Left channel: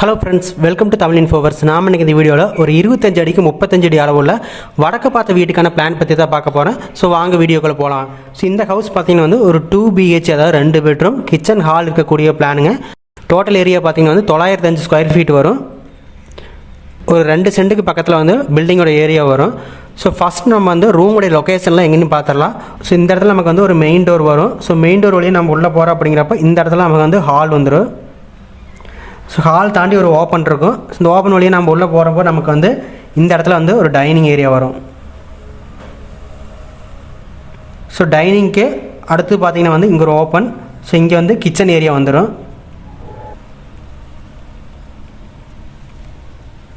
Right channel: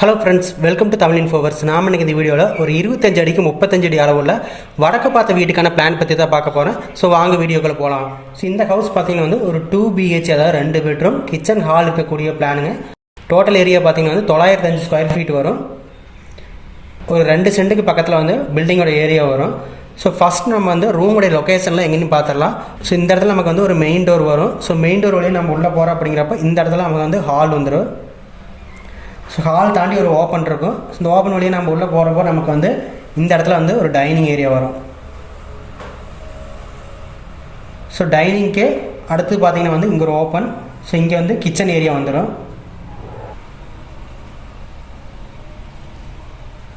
Hello friends, welcome to Tamil இன்ஃபோவர்ஸ். நாம் இன்றைக்கி இந்த வீடியோவில் ஒரு 25 அடிக்கு 35 அடி அளவுள்ள வடக்கு பார்த்த வீட்டுக்கான பிளான் பற்றி தான் பார்க்க போகிறேன். ஸோ வாங்க வீடியோக்குள்ளே போகலாம். ஸோ இந்த ஹவுஸ் பார்த்தீங்கன்னா வந்து ஒரு 2 BH, அதாவது 2 பெட்ரூம் கிச்சன் ஹால் இருக்கக்கூடிய பிளானுங்க. டோட்டல் ஏரியா பார்த்தீங்கன்னா வந்து 905 ஸ்கொயர் ஃபீட் வரும். ஒரு 2 சென்ட்டுக்கு பக்கத்தில் வந்து பில்டிங்கோட ஏரியா வரும். ஸோ ஃபஸ்ட் நம்ம வந்து ரூமுடைய லொக்கேஷன்லாம் எங்கேன்னு பார்த்துடலாம். ஸோ இந்த இடத்துல நமக்கு வந்து ஒரு மெயின் டோர் வரும். ஸோ மெயின் டோர் வழியே நம்ம உள்ளே போகிறோம். அப்படிங்கிறப்ப இந்த இடத்துல நமக்கு வந்து ஹால் வந்துடும். ஸோ ஹால் தாண்டி ஒரு ஓப்பன் இருக்கும். இந்த ஓப்பன் வழியாக நம்ம உள்ளே போகிறப்போ நமக்கு வந்து இந்த இடத்துல வந்து ஒரு டைனிங் ஏரியா வரும். ஸோ டைனிங்க்கு அடுத்து பார்த்தீங்கன்னா வந்து இங்கே ஒரு ஓப்பன். ஸோ இங்கே வந்து கிச்சன் ஏரியா வந்துடும்.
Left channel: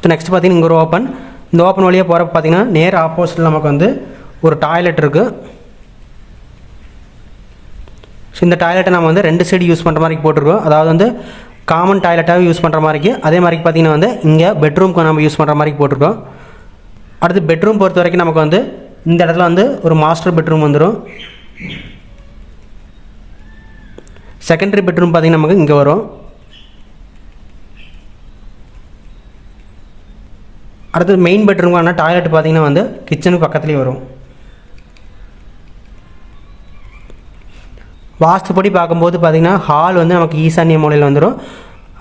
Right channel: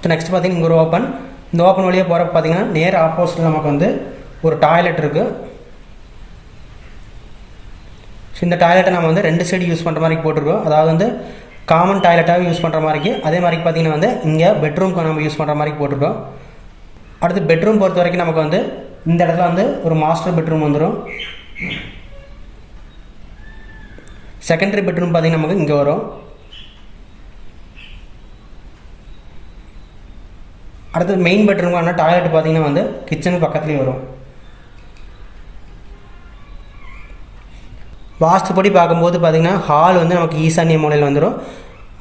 ஸோ நெக்ஸ்ட் பார்த்தீங்கன்னா இங்கே ஒரு ஓப்பன். இந்த ஓப்பன் வழியாக போகிறப்ப பார்த்தீங்கன்னா நேர் ஆப்போசிட்டில் நமக்கு வந்து ஒரு டாய்லெட் இருக்குது. ஸோ இந்த டாய்லெட்டை நம்ம வந்து 2 சைடு யூஸ் பண்ணுற மாதிரி போட்டிருக்கோம். அதாவது வந்து காமன் டாய்லெட்டாகவே யூஸ் பண்ணுற மாதிரிக்கு, அதே மாதிரி பார்த்தீங்கன்னா வந்து இங்கே பெட்ரூம்க்கு நம்ம யூஸ் பண்ணுற மாதிரி போட்டிருக்கோம். அடுத்து பெட்ரூம் பொறுத்த வரைக்கும் நமக்கு வந்து இந்த இடத்துல வந்து ஒரு மாஸ்டர் பெட்ரூம் வந்துடும். செகண்டரி பெட்ரூம் பார்த்தீங்கன்னா நமக்கு இங்கே வரும். அடுத்து மெயின் பெட்ரூம்க்கான டாய்லெட் பார்த்தீங்கன்னா வந்து கிச்சனுக்கு பக்கத்துலேயே வரும். வாஸ்துப்படி பார்க்கும்போது பார்த்திங்கன்னா ஹால் வந்து நமக்கு ஈசான்ய மூலையில் வந்துடும்.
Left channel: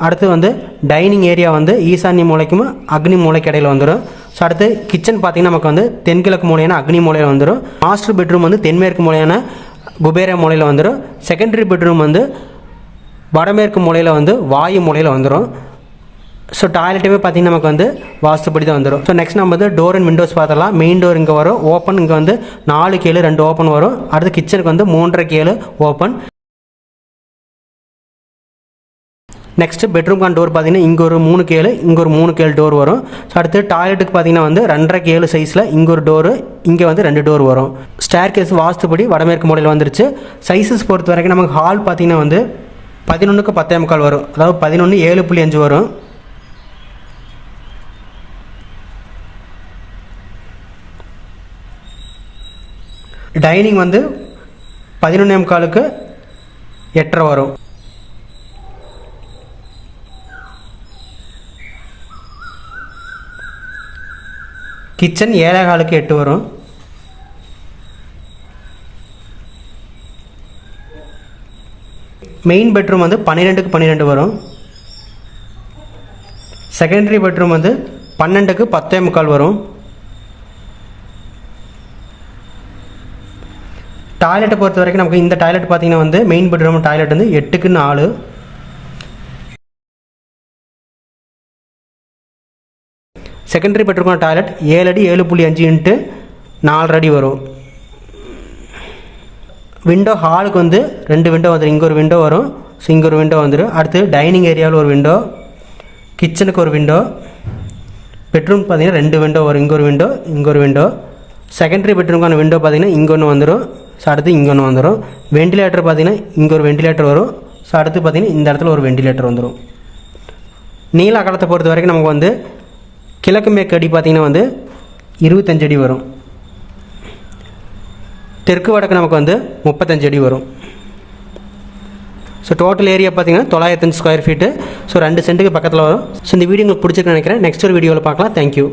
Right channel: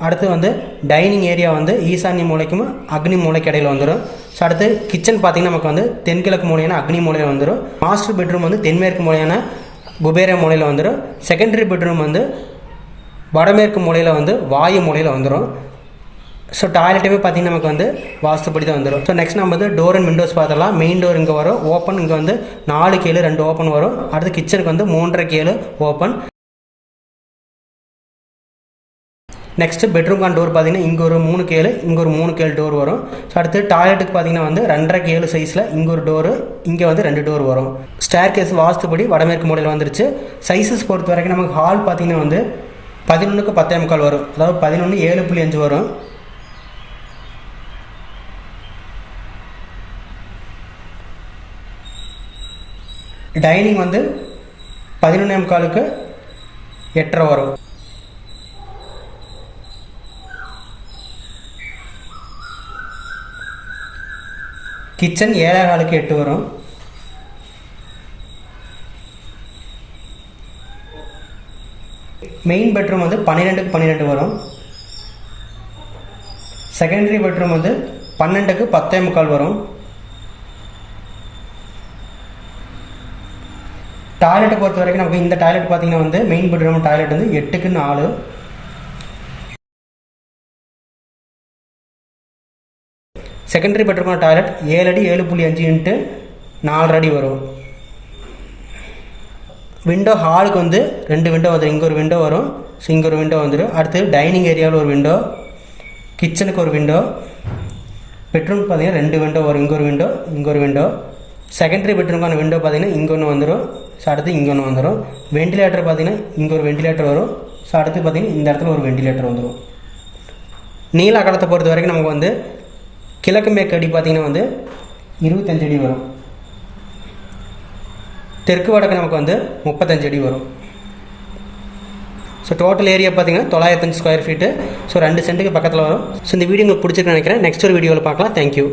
அடுத்து வந்து டைனிங் ஏரியா வந்து ஈசான்ய மூலைக்கும் அக்னி மூலைக்கு இடையில் வந்துடும். ஸோ அடுத்து கிச்சன் பார்த்திங்கன்னா நமக்கு வந்து தென்கிழக்கு மூலையான அக்னி மூலையில் வந்துடும். மாஸ்டர் பெட்ரூம் வந்து தென்மேற்கு மூலையான குபேர மூலையில் வந்துடும். செகண்டரி பெட்ரூம் வந்து வடமேற்கு மூலையில் வந்து வாயு மூலையில் வந்துடும். ஸோ டாய்லெட்டுமே பார்த்திங்கன்னா நமக்கு வந்து வாஸ்துப்படி தான் வந்துடும். ஸோ நெக்ஸ்ட் நம்ம வந்து டோர் அண்ட் விண்டோஸ் பார்த்துடலாம். மெயின் டோர் இங்கே வரும் ஓப்பன். இங்கே வந்து 4 கேளு 2 ஓப்பன் வரும். அடுத்து கிச்சனுக்கு வந்து 3.5 கேளு ஓப்பன். நெக்ஸ்ட் பெட்ரூம்கான டோர் பார்த்தீங்கன்னா இங்கே ஒரு 3 கேளு, இங்கே ஒரு 3 கேளு டோர் வரும். ஸோ அடுத்து டாய்லெட்டுக்கு பார்த்தீங்கன்னா வந்து 2.5 கேளு சைஸில் இங்கே ஒரு டோரு, இங்கே வந்து 2 டோர் வரும். ஸ்டேர் கேஸ் வாஸ்துப்படி வடமேற்கு மூலையில் வந்துருச்சு. சைஸஸ் பொறுத்த வரைக்கும் நமக்கு ஹால் பார்த்தீங்கன்னா வந்து 11க்கு 10.25 வரும். அதாவது 11 7.5 வரும். டைனிங் வந்து 11.25க்கு 8.5 வரும். கிச்சன் 7.25க்கு 8 வரும். மெயின் பெட்ரூம் வந்து 12க்கு 12 வரும். செகண்டரி பெட்ரூம் வந்து 12க்கு 10.25 வரும். டாய்லெட்டை பொறுத்த வரைக்கும் நமக்கு இந்த டாய்லெட் பார்த்தீங்கன்னா வந்து மெயின் பெட்ரூம் டாய்லெட் வந்து 8க்கு 4. செகண்டரி பெட்ரூம் டாய்லெட் 7 அடி 7.5 இன்ட்டு 4 அடி வரும். விண்டோ ஹாலுக்கு வந்து 2 விண்டோ வந்துடும். இங்கே ஒரு விண்டோ வரும். ஸோ இங்கே ஒரு விண்டோ வந்துடும். அடுத்து டைனிங் ஏரியாவில் ஒரு விண்டோ, கிச்சனுக்கு ஒரு விண்டோ, பெட்ரூம் பார்த்தீங்கன்னா 2 விண்டோ வரும். இங்கே ஒரு விண்டோ, இங்கே ஒரு விண்டோ. செகண்டரி பெட்ரூம்க்கான விண்டோ பார்த்தீங்கன்னா இங்கே ஒன்று வந்துடும். ஸோ அடுத்து இங்கே ஒன்று வந்துடும். வெண்டிலேட்டர் பார்த்தீங்கன்னா இங்கே ஒரு வெண்டிலேட்டர் வரும். ஸோ அடுத்து பார்த்தீங்கன்னா இந்த இடத்துல ஒரு வெண்டிலேட்டர் வந்துடும். நீள அகலத்தை பொறுத்த வரைக்கும் நமக்கு வந்து கிழக்கு மேற்கு அடி பார்த்தீங்கன்னா வந்து 25 அடி வரும். தெற்கு வடக்கு நமக்கு வந்து 35 அடி வரும். ஸோ டோட்டல் ஏரியா பார்த்தீங்கன்னா 905 ஸ்கொயர் ஃபீட்டு. ஸோ 2 சென்ட்டுக்கு பக்கத்தில் வரும். ஸோ இந்த வீடியோ உங்களுக்கு பிடிச்சிருக்குன்னு நினைக்கிறேன். நெக்ஸ்ட் ஒரு வீடியோவில் பார்க்கலாம். தேங்க்யூ.